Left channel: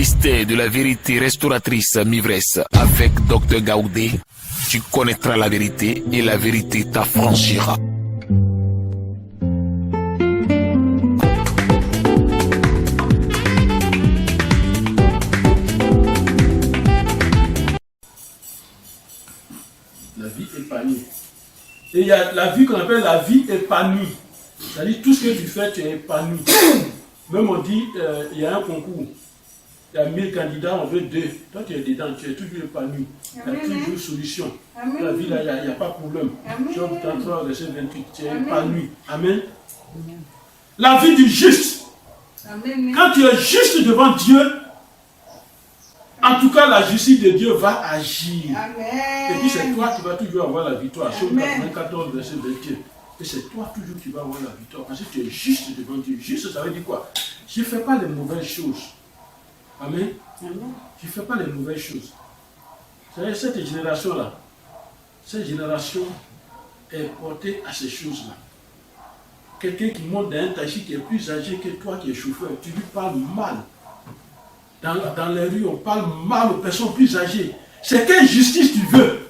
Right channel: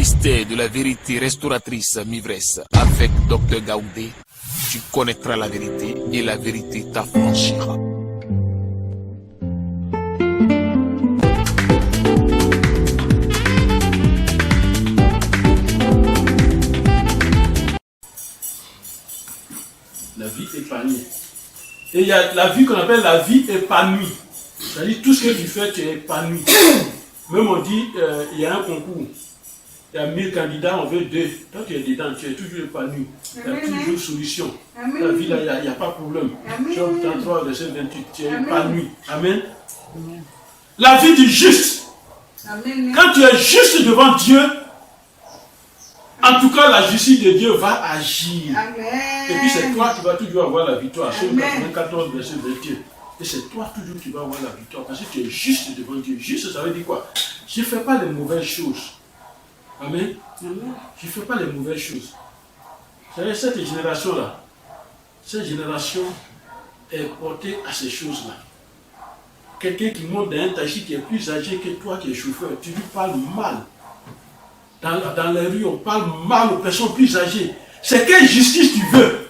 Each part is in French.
mystère de la vérité restauratrice Mivresse avec Dr Gaoudé, tu connaîtras la vérité et la vérité t'affranchira. La vie épanouie. Et il y a la vie qu'on appelle la vie épanouie. C'est-à-dire tout ce que tu fais, tu es épanoui. Même on dit, il y a un concours. Il y a 1000 candidats, on veut 2. Toi, tu es dedans, tu es toujours épanoui. Il y a toujours solution. La vie, là, il n'y a pas de problème. Job 33, verset 28, tu es épanoui. Amen. La vie du juste. Quand tu es juste devant Dieu, en tout cas, la justice de Dieu va agir. Et puis c'est toi qui vas toujours avoir la victoire. Psaume 94, verset 21. Et c'est toi toujours qui vas avoir la victoire. Parce que tu es juste devant Dieu. Juste, ça veut dire quoi? Je ne fais pas les mauvaises choses. Amen. Je ne fais pas les mauvaises choses. Vous savez, cette génération-là, cette génération est portée à ces choses-là. Quelqu'un qui monte dans un taxi qui est plus âgé que toi qui es chauffeur, tu lui parles mal. Dans les rues, on parle mal aux personnes plus âgées. C'est quelle justice tu veux?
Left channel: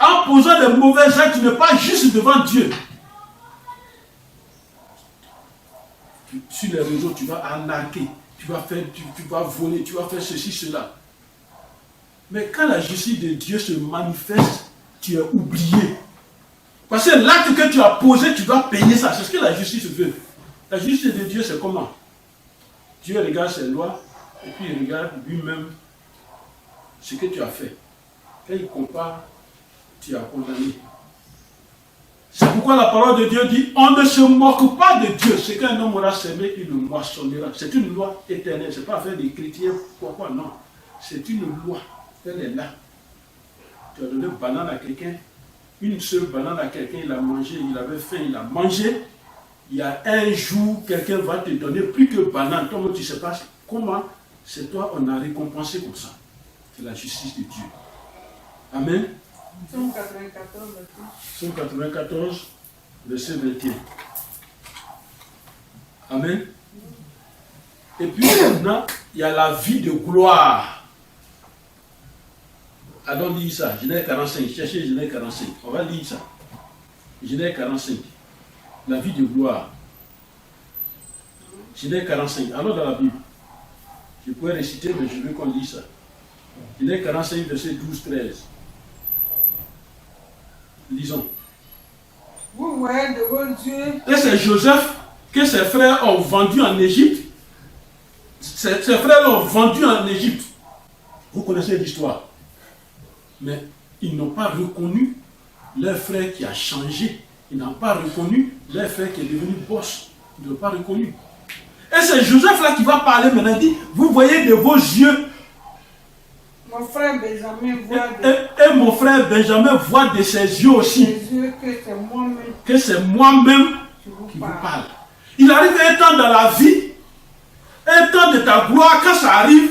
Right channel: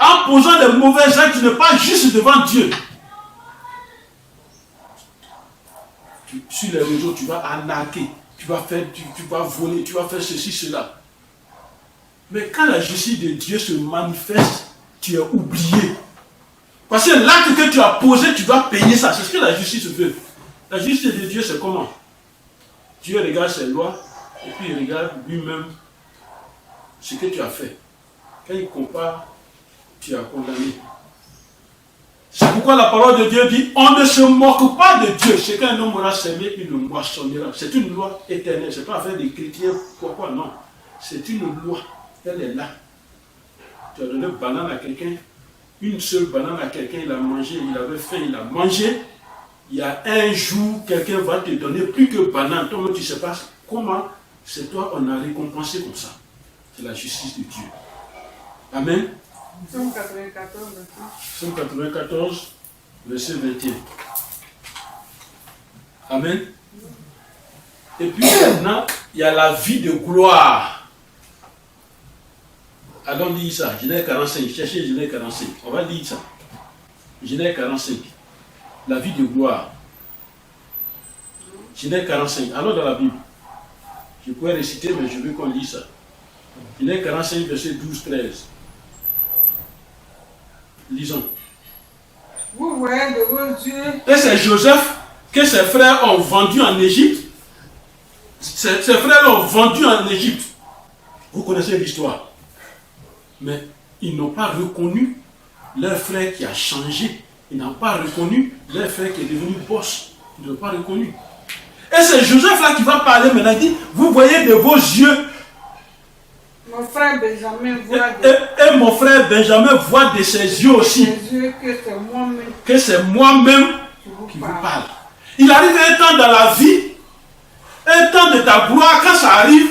En posant des mauvais actes, tu n'es pas juste devant Dieu. Sur les réseaux, tu vas arnaquer, tu vas voler, tu vas faire ceci, cela. Mais quand la justice de Dieu se manifeste, tu es oublié. Parce que l'acte que tu as posé, tu dois payer ça. C'est ce que la justice veut. La justice de Dieu, c'est comment? Dieu regarde ses lois et puis il regarde lui-même ce que tu as fait. Quand il compare, tu as condamné. C'est pourquoi la parole de Dieu dit, on ne se moque pas de Dieu. Ce qu'un homme aura semé, il le moissonnera. C'est une loi éternelle. Ce n'est pas affaire des chrétiens, quoi, non. C'est une loi. Elle est là. Tu as donné une banane à quelqu'un, une seule banane à quelqu'un, il a mangé, il avait faim, il a mangé. Il y a un jour, quelqu'un va te donner plus que banane. Toi, tu ne sais pas comment. C'est toi, on a récompensé comme ça. C'est la justice de Dieu. Amen. Somme 94, Somme 94, verset 21. Amen. Et puis maintenant, il y a la vie de gloire. Allons lire ça. Genèse 45. Cherchez Genèse 45. On va lire ça. Genèse 45. La vie de gloire. Genèse 45. Allons dans la Bible. Je pourrais réciter, mais je veux qu'on lise ça. Genèse 45, verset 12-13. Lisons. vous voyez de vos yeux. Et c'est Joseph que ses frères ont vendu en Égypte. Ses frères l'ont vendu en Égypte. Vous connaissez l'histoire. Mais ils n'ont pas reconnu leur frère qui a changé. Ils n'ont pas reconnu leur frère qui est devenu boss. Ils n'ont pas reconnu. Et c'est Joseph là qui va parler maintenant. Il dit, vous voyez de vos yeux. Mon frère Benjamin voit Et mon frère Benjamin voit de ses yeux aussi. que c'est moi-même Que c'est moi-même qui vous parle. Il arrive un temps dans la vie, un temps de ta gloire, quand ça arrive,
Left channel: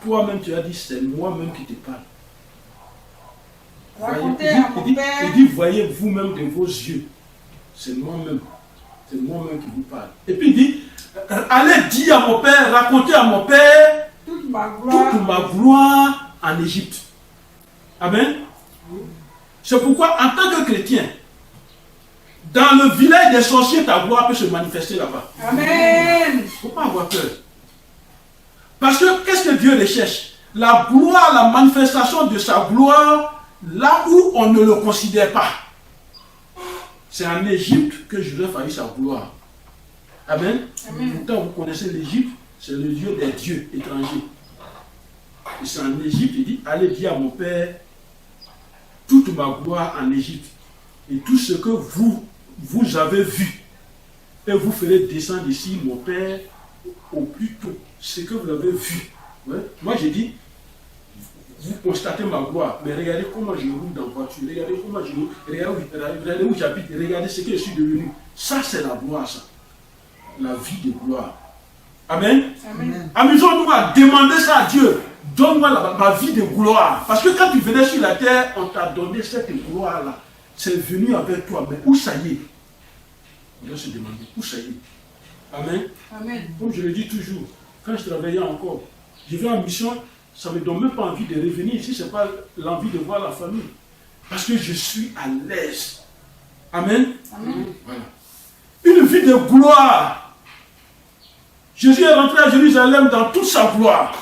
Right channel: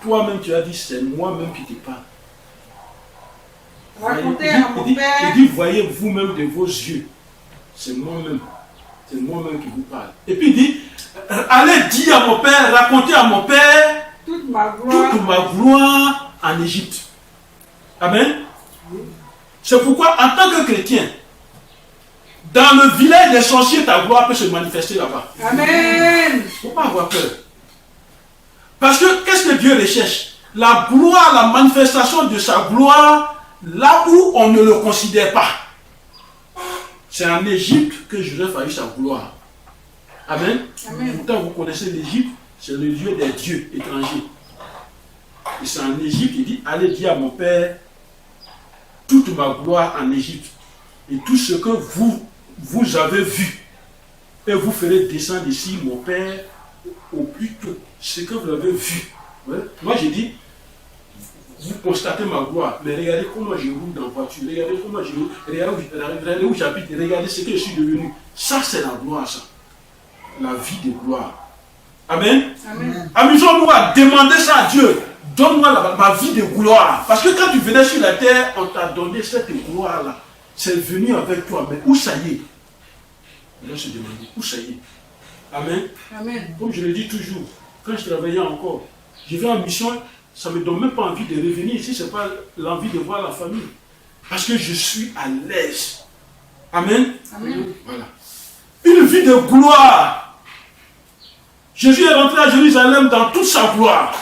toi-même tu as dit, c'est moi-même qui te parle. Racontez à mon père. Il dit, voyez vous-même de vos yeux. C'est moi-même. C'est moi-même qui vous parle. Et puis il dit, allez dire à mon père, racontez à mon père toute ma gloire en Égypte. Amen. C'est pourquoi, en tant que chrétien, dans le village des sorciers, ta gloire peut se manifester là-bas. Amen. Il ne faut pas avoir peur. Parce que, qu'est-ce que Dieu recherche? La gloire, la manifestation de sa gloire, là où on ne le considère pas. C'est en Égypte que Joseph a eu sa gloire. Amen. Amen. Pourtant, vous connaissez l'Égypte, c'est le lieu des dieux étrangers. Et c'est en Égypte, il dit, allez dire à mon père toute ma gloire en Égypte et tout ce que vous avez vu. Et vous ferez descendre ici mon père au plus tôt. Ce que vous avez vu. Ouais. Moi, j'ai dit, vous constatez ma gloire, mais regardez comment je roule dans la voiture, regardez comment je roule, regardez où j'habite, regardez ce que je suis devenu. Ça, c'est la gloire, ça. La vie de gloire. Amen. Amen. Amusons-nous à demander ça à Dieu. Donne-moi ma vie de gloire. Parce que quand tu venais sur la terre, on t'a donné cette gloire-là. C'est venu avec toi. Mais où ça y est? On doit se demander, où ça y est? Amen. Amen. Comme je le dis toujours, quand je travaillais encore, je vais en mission, ça ne me donne même pas envie de revenir ici, ce n'est pas l'envie de voir la famille. Parce que je suis à l'aise. Amen. Amen. Voilà. Une vie de gloire. Jésus est rentré à Jérusalem dans toute sa gloire.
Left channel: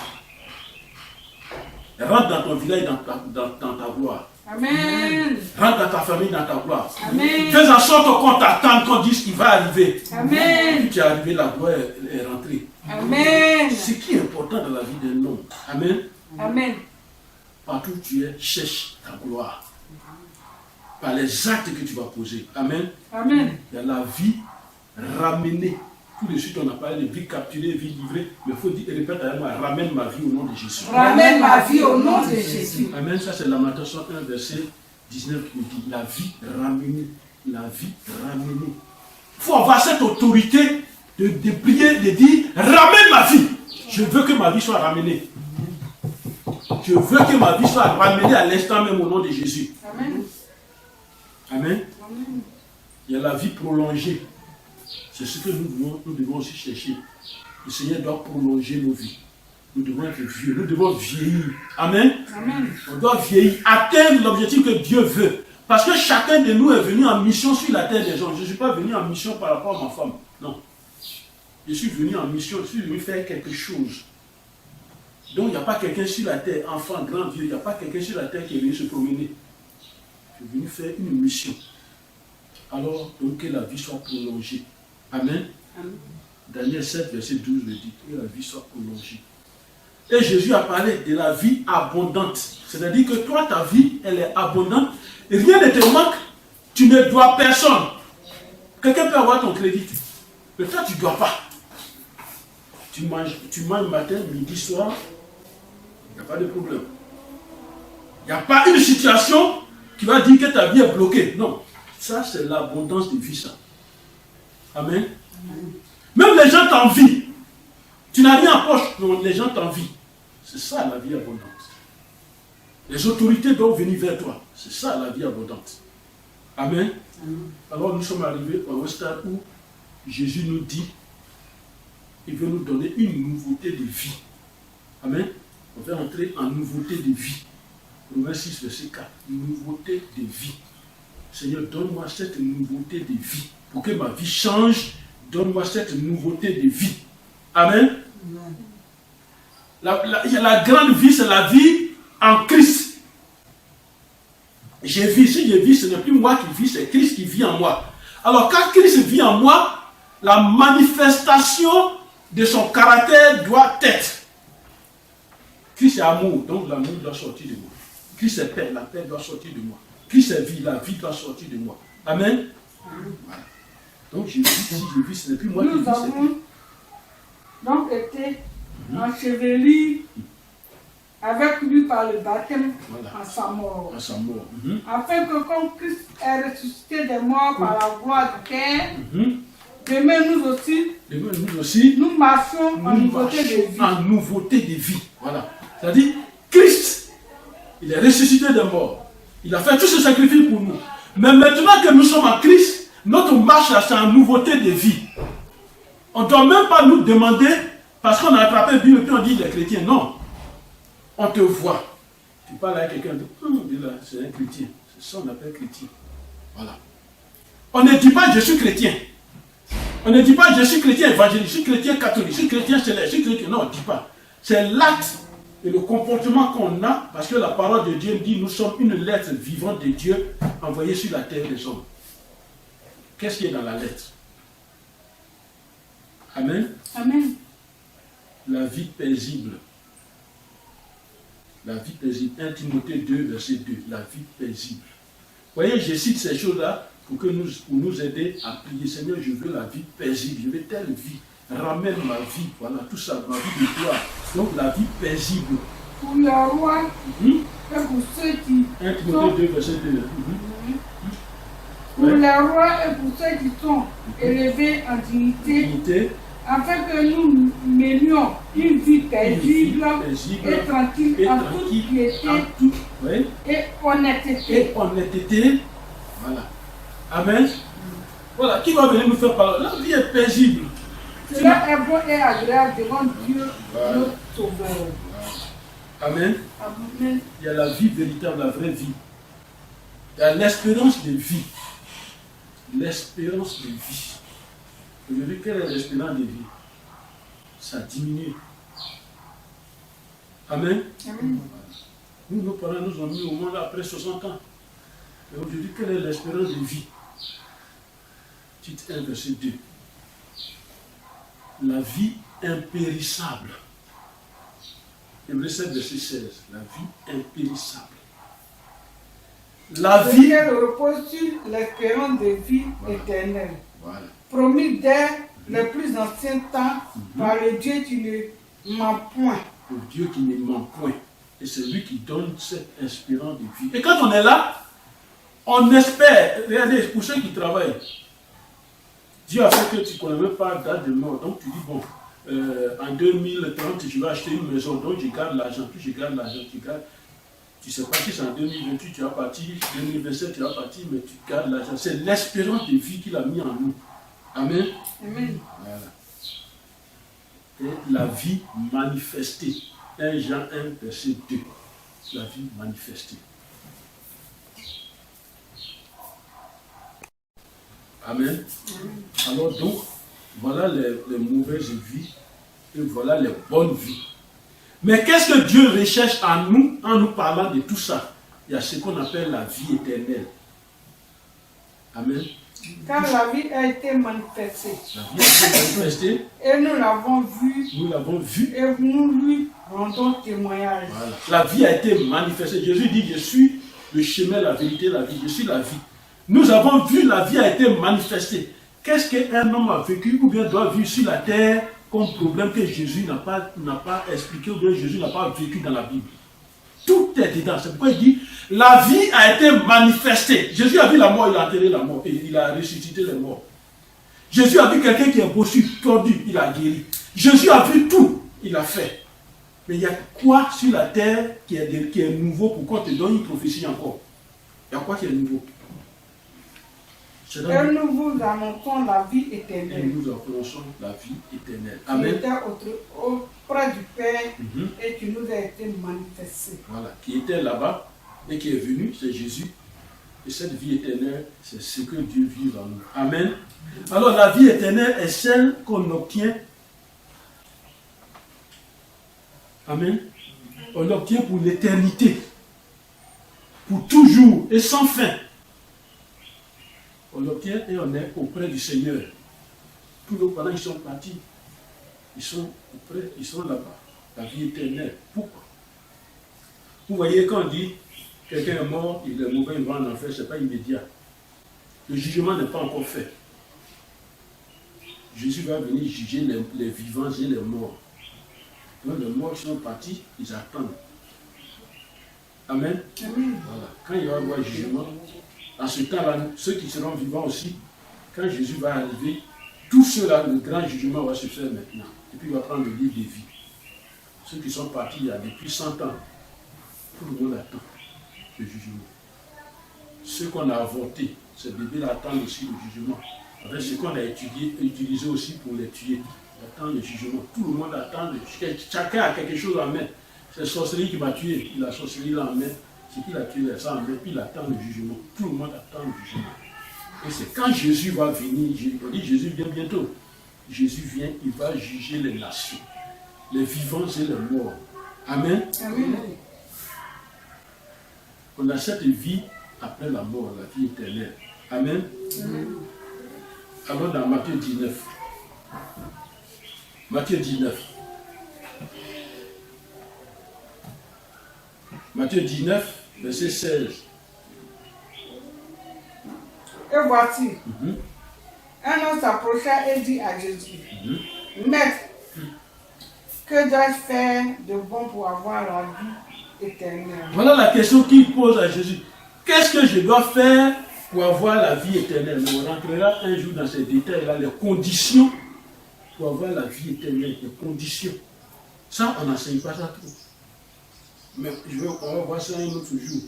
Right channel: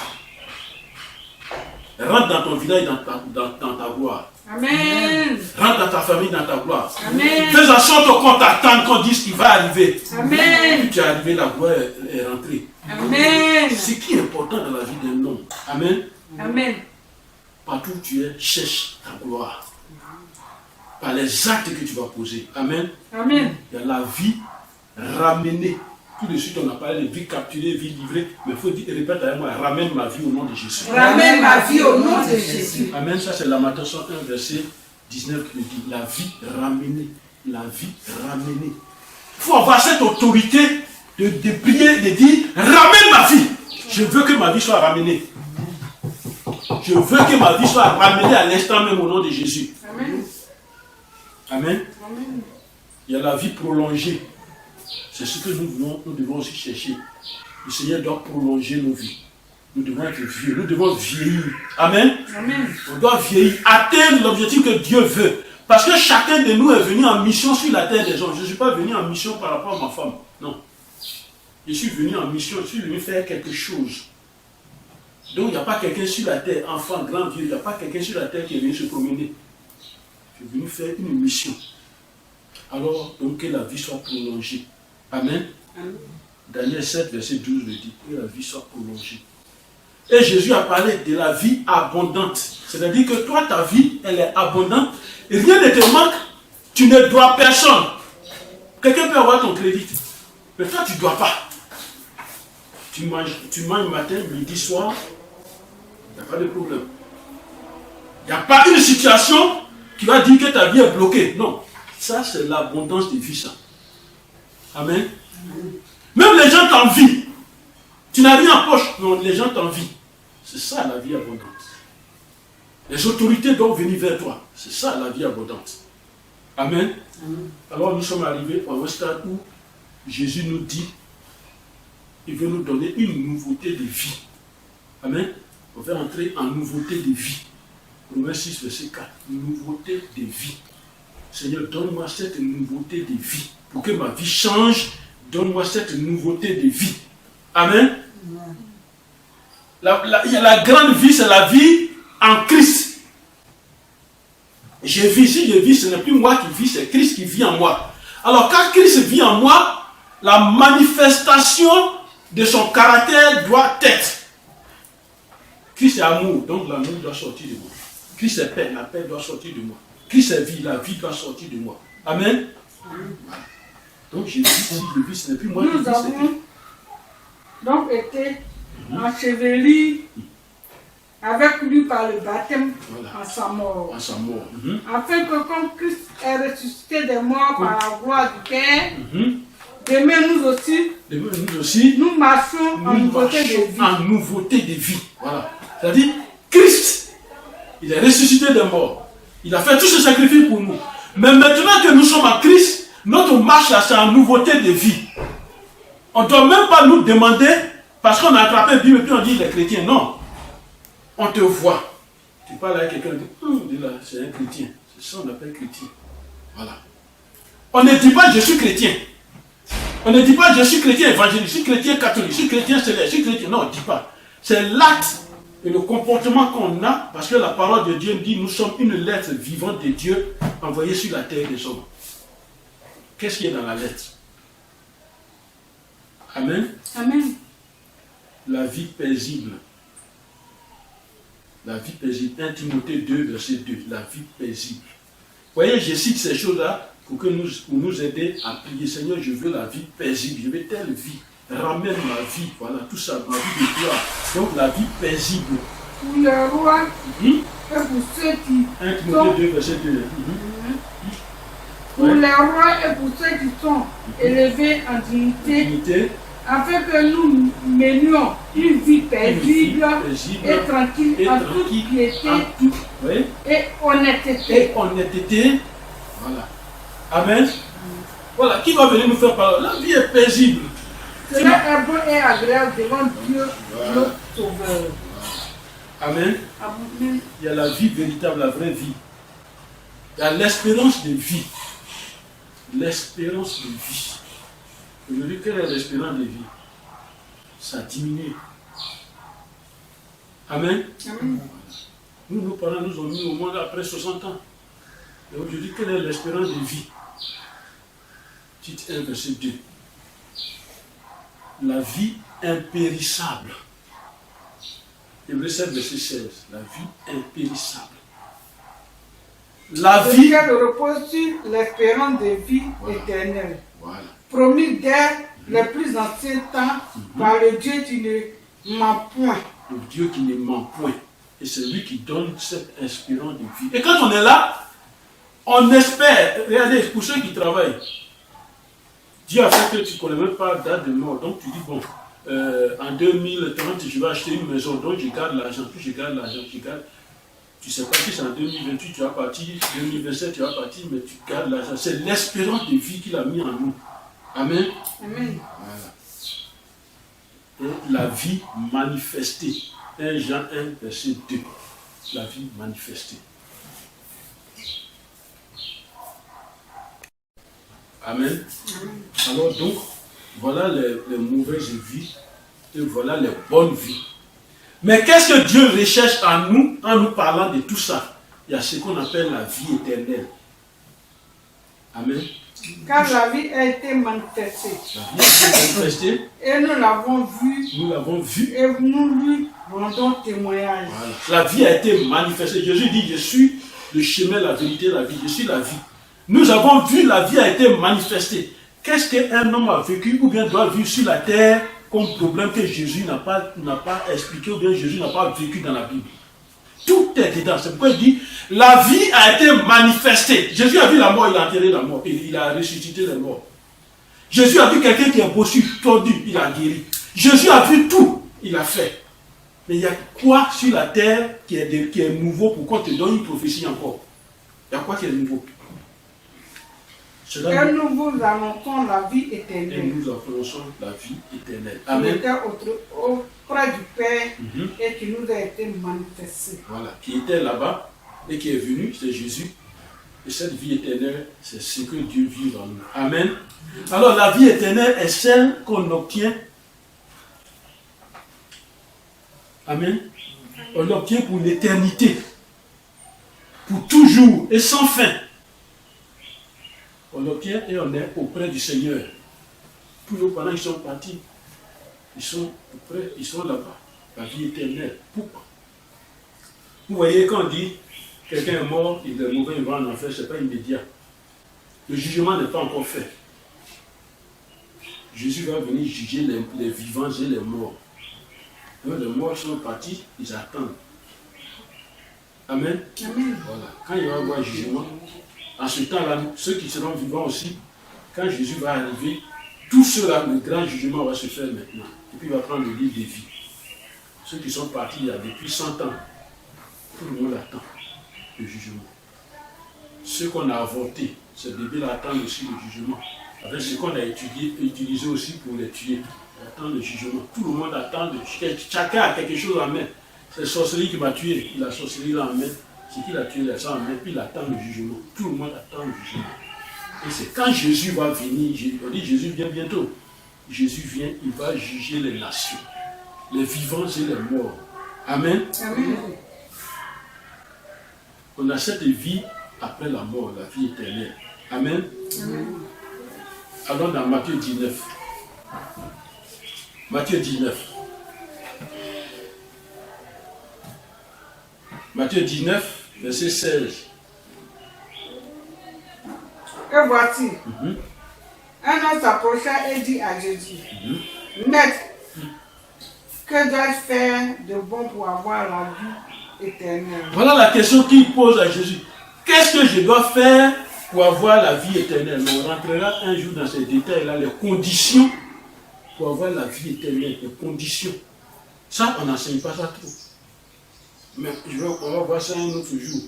Rentre dans ton village, dans ta gloire. Amen. Rentre dans ta famille, dans ta gloire. Amen. Fais en sorte qu'on t'attende, qu'on dise qu'il va arriver. Amen. Puis tu es arrivé, la gloire est rentrée. Amen. Ce qui est important dans la vie d'un homme. Amen. Amen. Partout où tu es, cherche ta gloire. Par les actes que tu vas poser. Amen. Amen. Il y a la vie ramenée. Tout de suite, on a parlé de vie capturée, vie livrée. Mais il faut dire, répète avec moi, ramène ma vie au nom de Jésus. Ramène ma vie au nom de Jésus. Amen. Ça, c'est Lamentation 1, verset 19 qui me dit la vie ramenée. La vie ramenée. Il faut avoir cette autorité de prier, de dire ramène ma vie. Je veux que ma vie soit ramenée. Je veux que ma vie soit ramenée à l'instant même au nom de Jésus. Amen. Amen. Amen. Il y a la vie prolongée. C'est ce que nous devons aussi chercher. Le Seigneur doit prolonger nos vies. Nous devons être vieux. Nous devons vieillir. Amen. Amen. On doit vieillir, atteindre l'objectif que Dieu veut. Parce que chacun de nous est venu en mission sur la terre des gens. Je ne suis pas venu en mission par rapport à ma femme. Non. Je suis venu en mission, je suis venu faire quelque chose. Donc il n'y a pas quelqu'un sur la terre, enfant, grand, vieux, il n'y a pas quelqu'un sur la terre qui est venu se promener. Je suis venu faire une mission. Alors, donc que la vie soit prolongée. Amen. Amen. Daniel 7, verset 12 le dit, que la vie soit prolongée. Et Jésus a parlé de la vie abondante. C'est-à-dire que toi, ta vie, elle est abondante. Et rien ne te manque. Tu ne dois personne. Quelqu'un peut avoir ton crédit. Mais toi, tu ne dois pas. Tu manges matin, midi, soir. Il n'y a pas de problème. Il n'y a pas une situation qui va dire que ta vie est bloquée. Non. Ça, c'est l'abondance de vie, ça. Amen. Même les gens t'envient. Tu n'as rien en poche. Non, les gens t'envient. C'est ça la vie abondante. Les autorités doivent venir vers toi. C'est ça la vie abondante. Amen. Alors nous sommes arrivés à un stade où Jésus nous dit, il veut nous donner une nouveauté de vie. Amen. On va entrer en nouveauté de vie. Romains 6, verset 4. Nouveauté de vie. Seigneur, donne-moi cette nouveauté de vie. Pour que ma vie change, donne-moi cette nouveauté de vie. Amen. Il y a la grande vie, c'est la vie en Christ. Si je vis, ce n'est plus moi qui vis, c'est Christ qui vit en moi. Alors quand Christ vit en moi, la manifestation de son caractère doit être. Christ est amour, donc l'amour doit sortir de moi. Christ est paix, la paix doit sortir de moi. Christ est vie, la vie doit sortir de moi. Amen. Voilà. Donc si je vis, ce n'est plus moi qui vis, c'est Christ. Nous avons donc été ensevelis avec lui par le baptême en sa mort. Afin que comme Christ est ressuscité des morts par la gloire du Père, demain nous aussi, nous marchons en nouveauté de vie. En nouveauté de vie. Voilà. C'est-à-dire, Christ, il est ressuscité des morts. Il a fait tout ce sacrifice pour nous. Mais maintenant que nous sommes en Christ, notre marche là, c'est en nouveauté de vie. On ne doit même pas nous demander, parce qu'on a attrapé le Bible et puis on dit les chrétiens. Non. On te voit. Tu parles avec quelqu'un, on dit là, c'est un chrétien. C'est ça qu'on appelle chrétien. Voilà. On ne dit pas je suis chrétien. On ne dit pas je suis chrétien évangélique, je suis chrétien catholique, je suis chrétien céleste, je suis chrétien. Non, on ne dit pas. C'est l'acte et le comportement qu'on a, parce que la parole de Dieu dit nous sommes une lettre vivante de Dieu envoyée sur la terre des hommes. Qu'est-ce qu'il y a dans la lettre? Amen. Amen. La vie paisible. La vie paisible. 1 Timothée 2, verset 2. La vie paisible. Vous voyez, je cite ces choses-là pour nous aider à prier. Seigneur, je veux la vie paisible. Je veux telle vie. Ramène ma vie. Voilà, tout ça, ma vie de gloire. Donc, la vie paisible. Pour le roi et pour ceux qui 1 Timothée 2, verset 2. Pour les rois et pour ceux qui sont élevés en dignité, afin que nous menions une vie paisible et tranquille en toute piété et honnêteté. Voilà. Amen. Voilà. Qui va venir nous faire parler? La vie est paisible. Cela est bon et agréable devant Dieu, notre Sauveur. Amen. Amen. Il y a la vie véritable, la vraie vie. Il y a l'espérance de vie. L'espérance de vie. Aujourd'hui, quelle est l'espérance de vie? Ça a diminué. Amen. Amen. Nous, nos parents nous ont mis au monde après 60 ans. Et aujourd'hui, quelle est l'espérance de vie? Titre 1, verset 2. La vie impérissable. Hébreux 7, verset 16. La vie impérissable. La vie. Lequel repose sur l'espérance de vie éternelle. Voilà. Promis dès les plus anciens temps par le Dieu qui ne ment point. Le Dieu qui ne ment point. Et c'est lui qui donne cette espérance de vie. Et quand on est là, on espère. Regardez, pour ceux qui travaillent, Dieu a fait que tu ne connais même pas la date de mort. Donc tu dis, bon, en 2030, je vais acheter une maison. Donc je garde l'argent. Puis je garde l'argent. Tu ne sais pas si c'est en 2028, tu vas partir. 2027, tu vas partir. Mais tu gardes l'argent. C'est l'espérance de vie qu'il a mis en nous. Amen. Amen. Voilà. Et la vie manifestée. 1 Jean 1, verset 2. La vie manifestée. Amen. Alors donc, voilà les mauvaises vies et voilà les bonnes vies. Mais qu'est-ce que Dieu recherche en nous parlant de tout ça? Il y a ce qu'on appelle la vie éternelle. Amen. Car la vie a été manifestée. La vie a été manifestée. Et nous l'avons vue. Nous l'avons vue. Et nous lui rendons témoignage. Voilà. La vie a été manifestée. Jésus dit, je suis le chemin, la vérité, la vie. Je suis la vie. Nous avons vu, la vie a été manifestée. Qu'est-ce qu'un homme a vécu ou bien doit vivre sur la terre comme problème que Jésus n'a pas expliqué ou bien Jésus n'a pas vécu dans la Bible? Tout est dedans. C'est pourquoi il dit, la vie a été manifestée. Jésus a vu la mort, il a enterré la mort. Il a ressuscité les morts. Jésus a vu quelqu'un qui est bossu, tordu, il a guéri. Jésus a vu tout, il a fait. Mais il y a quoi sur la terre qui est nouveau pour qu'on te donne une prophétie encore? Il y a quoi qui est nouveau? Et nous vous annonçons la vie éternelle. Et nous annonçons la vie éternelle. Amen. Qui était auprès du Père et qui nous a été manifestée. Voilà, qui était là-bas et qui est venu, c'est Jésus. Et cette vie éternelle, c'est ce que Dieu vit en nous. Amen. Alors la vie éternelle est celle qu'on obtient. Amen. On l'obtient pour l'éternité. Pour toujours et sans fin. On l'obtient et on est auprès du Seigneur. Tous nos parents, ils sont partis. Ils sont auprès, ils sont là-bas. La vie éternelle. Pourquoi? Vous voyez, quand on dit quelqu'un est mort, il est mauvais, il va en enfer, ce n'est pas immédiat. Le jugement n'est pas encore fait. Jésus va venir juger les vivants et les morts. Donc les morts sont partis, ils attendent. Amen. Amen. Voilà. Quand il va y avoir jugement, en ce temps-là, ceux qui seront vivants aussi, quand Jésus va arriver, tout cela, le grand jugement va se faire maintenant. Et puis il va prendre le livre de vie. Ceux qui sont partis il y a depuis 100 ans, tout le monde attend le jugement. Ceux qu'on a avortés, ces bébés-là attendent aussi le jugement. Avec ce qu'on a utilisé aussi pour les tuer. Ils attendent le jugement. Tout le monde attend. Chacun a quelque chose en main. C'est la sorcellerie qui m'a tué. Il a la sorcellerie là en main. C'est qu'il a tué les gens en main. Puis il attend le jugement. Tout le monde attend le jugement. Et c'est quand Jésus va venir. On dit Jésus vient bientôt. Jésus vient, il va juger les nations. Les vivants et les morts. Amen. Amen. On a cette vie après la mort, la vie éternelle. Amen. Allons dans Matthieu 19. Matthieu 19. Matthieu 19, verset 16. Et voici, un homme s'approcha et dit à Jésus, Maître, que dois-je faire de bon pour avoir la vie éternelle? Voilà la question qu'il pose à Jésus. Qu'est-ce que je dois faire pour avoir la vie éternelle? On rentrera un jour dans ces détails-là, les conditions pour avoir la vie éternelle, les conditions. Ça, on n'enseigne pas ça trop. Mais on va voir ça un autre jour.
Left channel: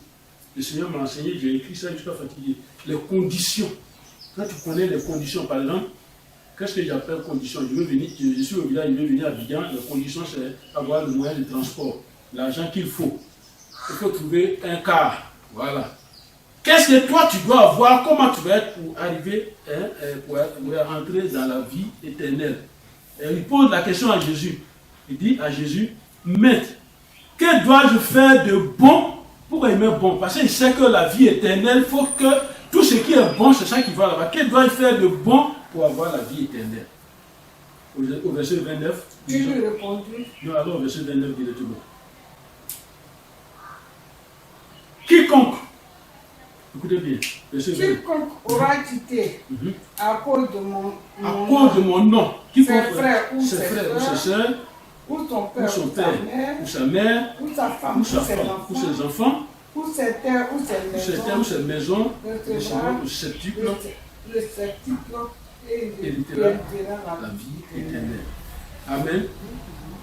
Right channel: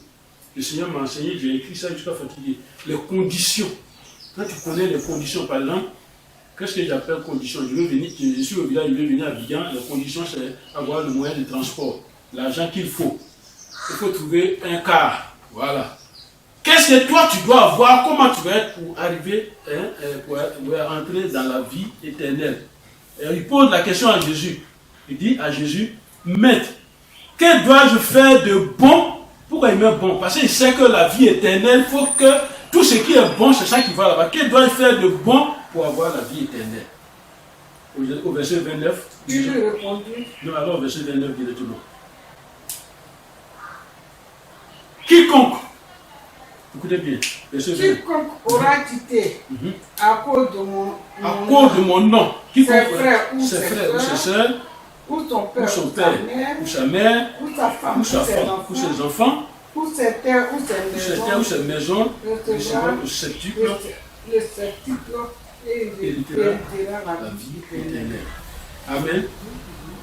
Le Seigneur m'a enseigné, j'ai écrit ça jusqu'à fatiguer. Les conditions. Quand tu connais les conditions, par exemple, Qu'est-ce que j'appelle condition? Je suis au village, je vais venir à Abidjan. Les conditions, c'est avoir le moyen de transport, l'argent qu'il faut. Il faut trouver un car. Voilà. Qu'est-ce que toi tu dois avoir? Comment tu vas être pour arriver, pour entrer dans la vie éternelle? Et il pose la question à Jésus. Il dit à Jésus, Maître, que dois-je faire de bon? Pourquoi il met bon? Parce qu'il sait que la vie éternelle, il faut que tout ce qui est bon, c'est ça qui va là-bas. Que dois-je faire de bon pour avoir la vie éternelle? Au verset 29. Tu lui répondis. Non, alors au verset 29 directement. Quiconque, écoutez bien, verset 29. Quiconque aura quitté à cause de mon nom, quiconque ses frères ou ses sœurs, ou son père, ou sa mère, ou sa femme, ou ses enfants, ou ses terres, ou ses maisons, recevra le septuple et héritera la vie éternelle. Amen.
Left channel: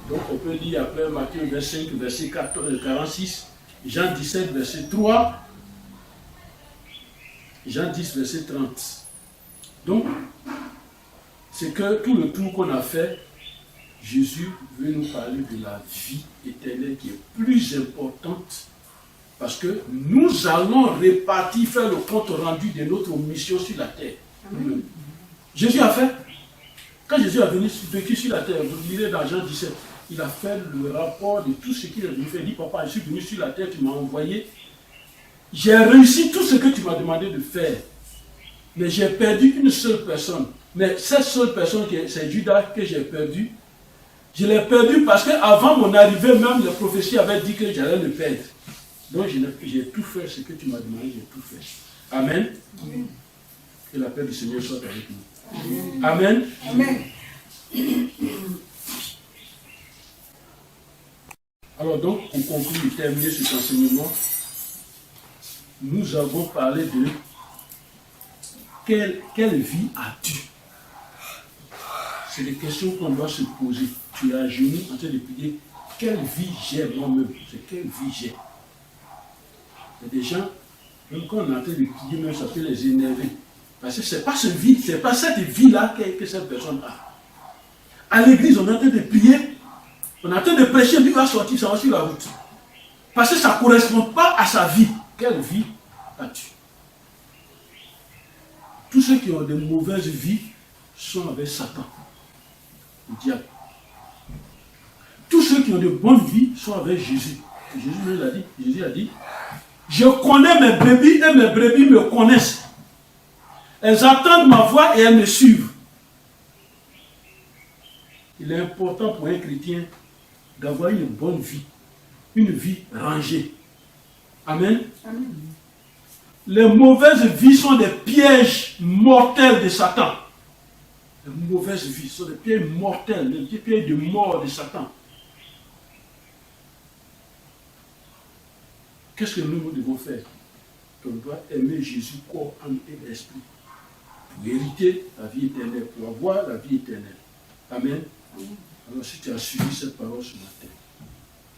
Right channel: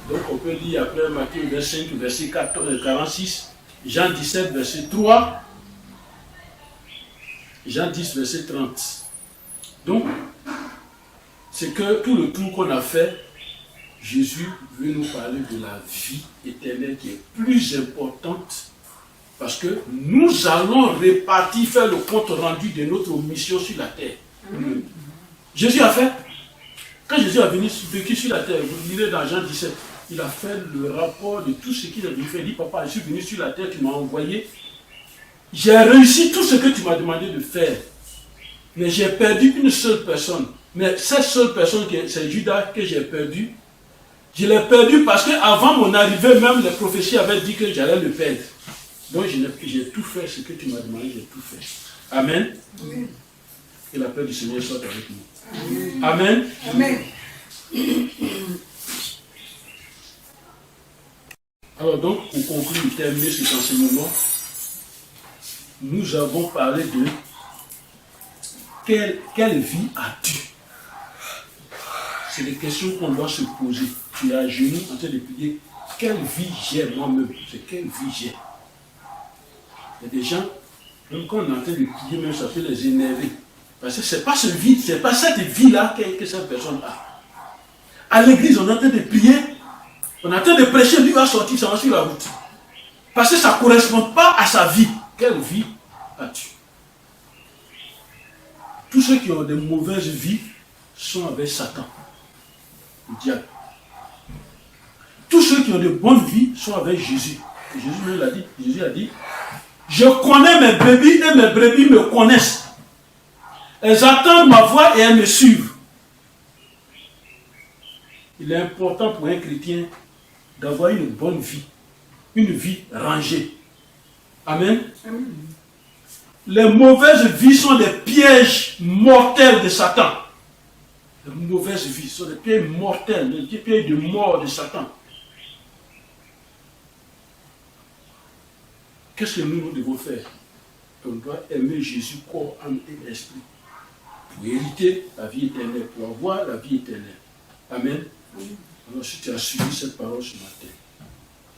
Donc on peut lire après Matthieu 25, verset 46, Jean 17, verset 3, Jean 10, verset 30. Donc, c'est que tout le tour qu'on a fait, Jésus veut nous parler de la vie éternelle qui est plus importante parce que nous allons répartir, faire le compte rendu de notre mission sur la terre. Jésus a fait, quand Jésus a vécu sur la terre, vous lirez dans Jean 17, il a fait le rapport de tout ce qu'il a venu faire. Il dit, papa, je suis venu sur la terre, tu m'as envoyé. J'ai réussi tout ce que tu m'as demandé de faire. Mais j'ai perdu une seule personne. Mais cette seule personne, c'est Judas que j'ai perdu. Je l'ai perdu parce qu'avant mon arrivée, même les prophéties avaient dit que j'allais le perdre. Donc j'ai tout fait ce que tu m'as demandé, j'ai tout fait. Amen. Amen. Que la paix du Seigneur soit avec nous. Amen. Amen. Alors donc, pour conclure et terminer cet enseignement, nous avons parlé de quelle vie as-tu? C'est des questions qu'on doit se poser. Tu es à genoux en train de prier. Quelle vie j'ai moi-même? C'est quelle vie j'ai? Il y a des gens, même quand on est en train de prier, même ça peut les énerver. Parce que ce n'est pas ce vide, ce n'est pas cette vie-là que cette personne a. À l'église, on est en train de prier, on est en train de prêcher, lui va sortir, ça va sur la route. Parce que ça ne correspond pas à sa vie. Quelle vie as-tu? Tous ceux qui ont de mauvaises vies sont avec Satan, le diable. Tous ceux qui ont de bonnes vies sont avec Jésus. Et Jésus même l'a dit. Jésus a dit, je connais mes brebis et mes brebis me connaissent. Elles attendent ma voix et elles me suivent. Il est important pour un chrétien d'avoir une bonne vie, une vie rangée. Amen. Amen. Les mauvaises vies sont des pièges mortels de Satan. Les mauvaises vies sont des pièges mortels, des pièges de mort de Satan. Qu'est-ce que nous devons faire? On doit aimer Jésus, corps, âme et esprit, pour hériter la vie éternelle, pour avoir la vie éternelle. Amen. Alors si tu as suivi cette parole ce matin,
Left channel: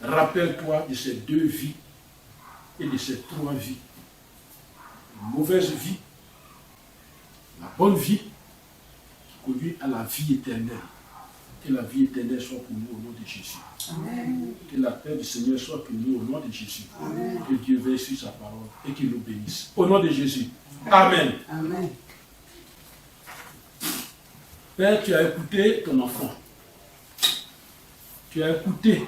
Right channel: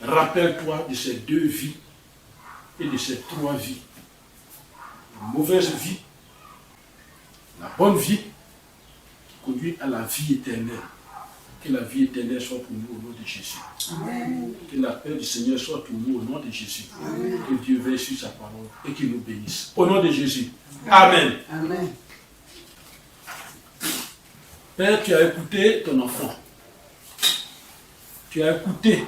rappelle-toi de ces deux vies et de ces trois vies. La mauvaise vie, la bonne vie, qui conduit à la vie éternelle. Que la vie éternelle soit pour nous au nom de Jésus. Amen. Que la paix du Seigneur soit pour nous au nom de Jésus. Amen. Que Dieu veille sur sa parole et qu'il nous bénisse. Au nom de Jésus. Amen. Amen. Père, tu as écouté ton enfant. Tu as écouté.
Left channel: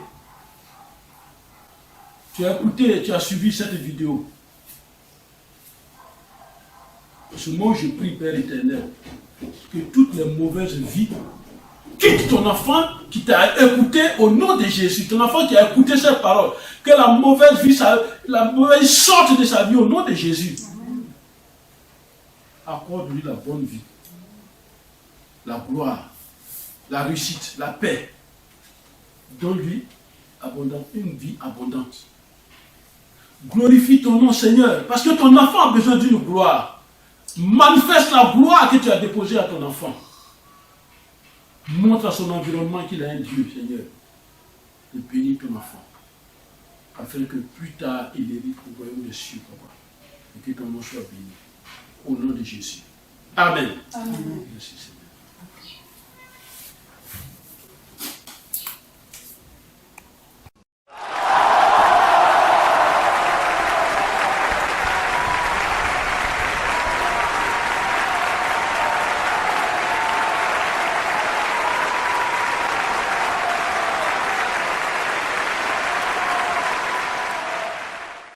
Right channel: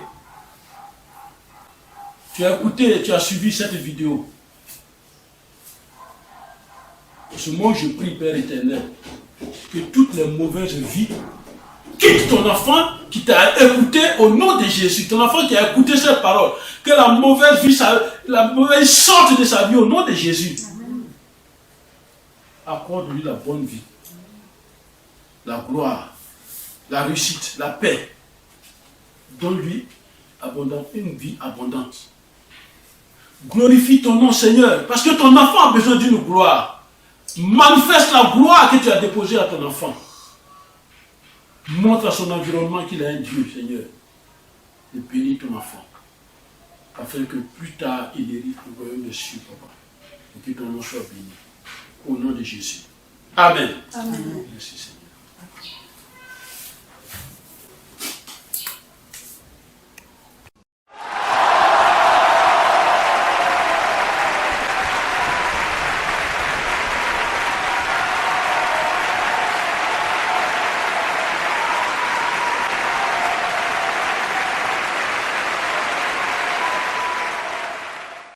Tu as écouté et tu as suivi cette vidéo. Pour ce moment, je prie, Père éternel, que toutes les mauvaises vies quitte ton enfant qui t'a écouté au nom de Jésus. Ton enfant qui a écouté cette parole. Que la mauvaise vie, la mauvaise sorte de sa vie au nom de Jésus. Accorde-lui la bonne vie, la gloire, la réussite, la paix. Donne-lui une vie abondante. Glorifie ton nom, Seigneur, parce que ton enfant a besoin d'une gloire. Manifeste la gloire que tu as déposée à ton enfant. Montre à son environnement qu'il a un Dieu, Seigneur. Et bénis ton enfant. Afin que plus tard, il hérite le royaume des cieux, papa. Et que ton nom soit béni. Au nom de Jésus. Amen. Amen. Merci, Seigneur.